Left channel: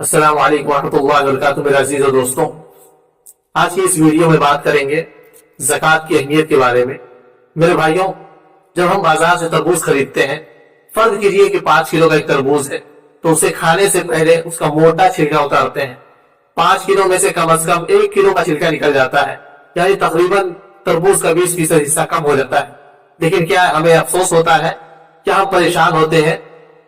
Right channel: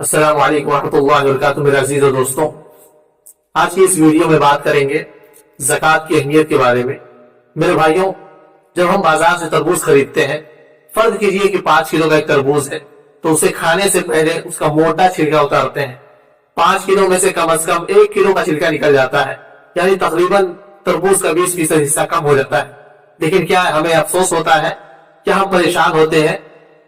अस्सलाम वालेकुम रहमतुल्लाहि व बरकातुहू। मेरे अजीज और दोस्तों, आज की इस वीडियो में बात करेंगे ज़कात की अहमियत के बारे में। मेरे भाइयों, जब हम बाजार से तरबूज खरीदते हैं, फर्ज कीजिए कि 5 किलो का एक तरबूज है, तो उसे खाने से पहले उसका मोटा छिलका उतारते हैं। 5 किलो में से कम 1 किलो का छिलका निकल जाता है, यानी तकरीबन तरबूज का 20% हिस्सा कम हो जाता है। लेकिन क्या हमें अफसोस होता है? क्या हम परेशान होते हैं?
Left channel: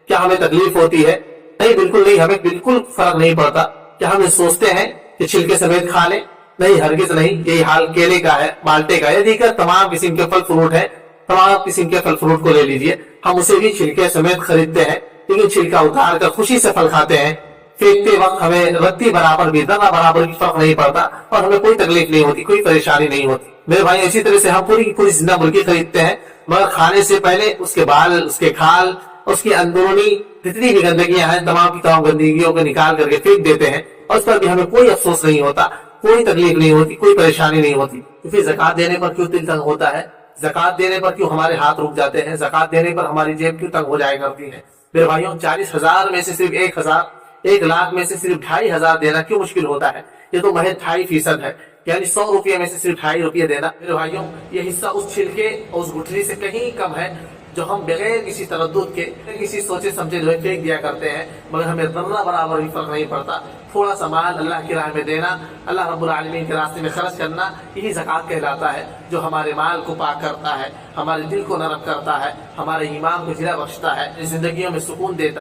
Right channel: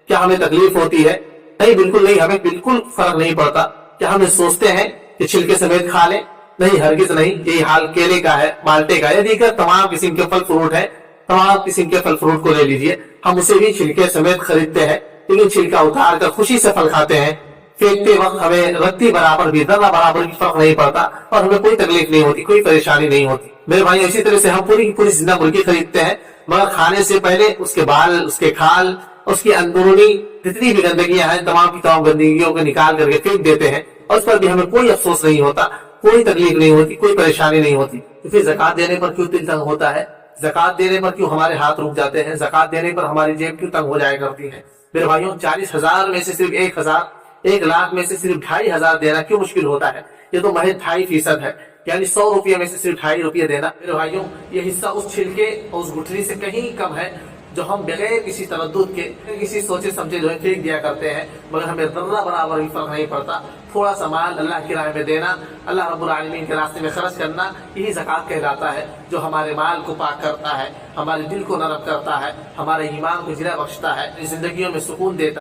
क्या हमें तकलीफ होती है? नहीं, बिल्कुल नहीं, हमें बिल्कुल फर्क नहीं पड़ता। क्या हम सोचते हैं कि छिलके समेत खा लें? नहीं, हरगिज नहीं। यही हाल केले का है, माल्टे का है, दीगर तमाम किस्म के फल फ्रूट है। तमाम किस्म के फल फ्रूट को ले लीजिए, हम उसे भी छिलके समेत खरीदते हैं, लेकिन छिलका उतार कर खुशी से फल खाते हैं। फेंकते वक्त हमें रत्ती बराबर भी, जरा बराबर भी फर्क नहीं पड़ता और हमें कोई तकलीफ नहीं होती, कोई परेशानी नहीं होती। मेरे भाई, इसी तरह से हम पूरी की पूरी जिंदा मुर्गी खरीदते हैं, मगर खाने से पहले उसके बाल, उसके खाल, उसकी अंदरूनी जितनी भी गंदगियां हैं, तमाम की तमाम गंदगियों को निकाल करके फेंक देते हैं, और उस पर भी हमें कोई अफसोस नहीं होता, कोई तकलीफ नहीं होती, कोई परेशानी नहीं होती। तो फिर ज़कात देने पर क्यों दिल तंग होता है? ज़कात देने पर क्यों हमारे हाथ रुक जाते हैं? ज़कात देने पर हमारी जेब क्यों तंग हो जाया करती है? मेरे भाइयों, 40,000 में से सिर्फ 1,000, 1 लाख में से सिर्फ 2,500 देना क्यों मुश्किल होता है? ये तो महज 2.5% है, यानी 100 रुपये में से सिर्फ 2.5 रुपये देना। मेरे भाइयों, ये हिस्सा उस छिलके और उस गुठली से कहीं कम है जो हम बगैर किसी तरद्दुद के, किसी सोचे समझे जो है फेंक दिया करते हैं, मगर हमें जर्रा बराबर भी फर्क नहीं पड़ता। थोड़ा सा माल अल्लाह की राह में देना, अल्लाह रब्बुल आलमीन के रास्ते में खर्च करना, यही ज़कात कहलाता है, जो हमारे माल को पाक करता है, हमारे दिल को नरम करता है, हमारे ईमान को जिला बख्शता है, जिंदगियों में सुकून देता है।